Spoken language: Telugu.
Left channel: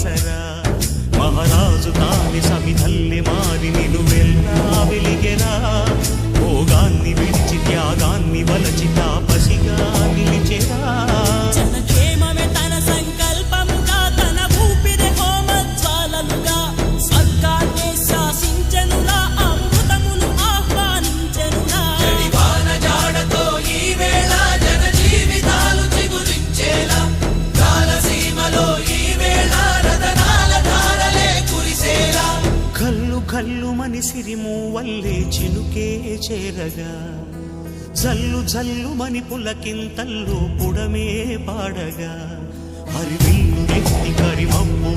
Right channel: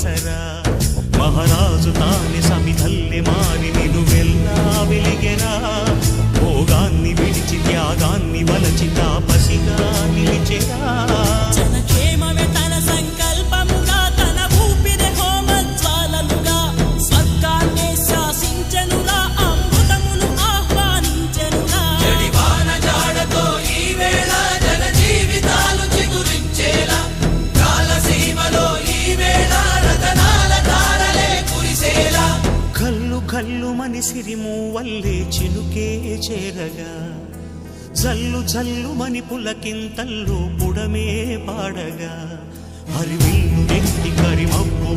ఆసరా మహారాజు తాని సమిధల్లె మారి నిలువెల్లా వెలిగెరా భోగాన్ని విడిచి త్యాగాన్ని వలచి తాపసిగా నిలిచెరా జనక్షేమమే తన సంకల్పముగా తన ఊపిరి హోమజ్వాలలుగా స్వర్గాన్నే శాసించెనురా అమృతమును ఆహ్వానించెనురా జాడతో ఈ వేళ జన జీవితాలు చిగురించేలా కాలసీమలో ఈ వేళ రతనాల ధారలే కురిసేలా కల్లు కల్లు మని సిరిము వల్లే చినుకే చేరగా జల్లు జల్లు మని పులకింతల్లు పుడమే పాడగా హరివిల్లు ఎత్తి కరిమబ్బు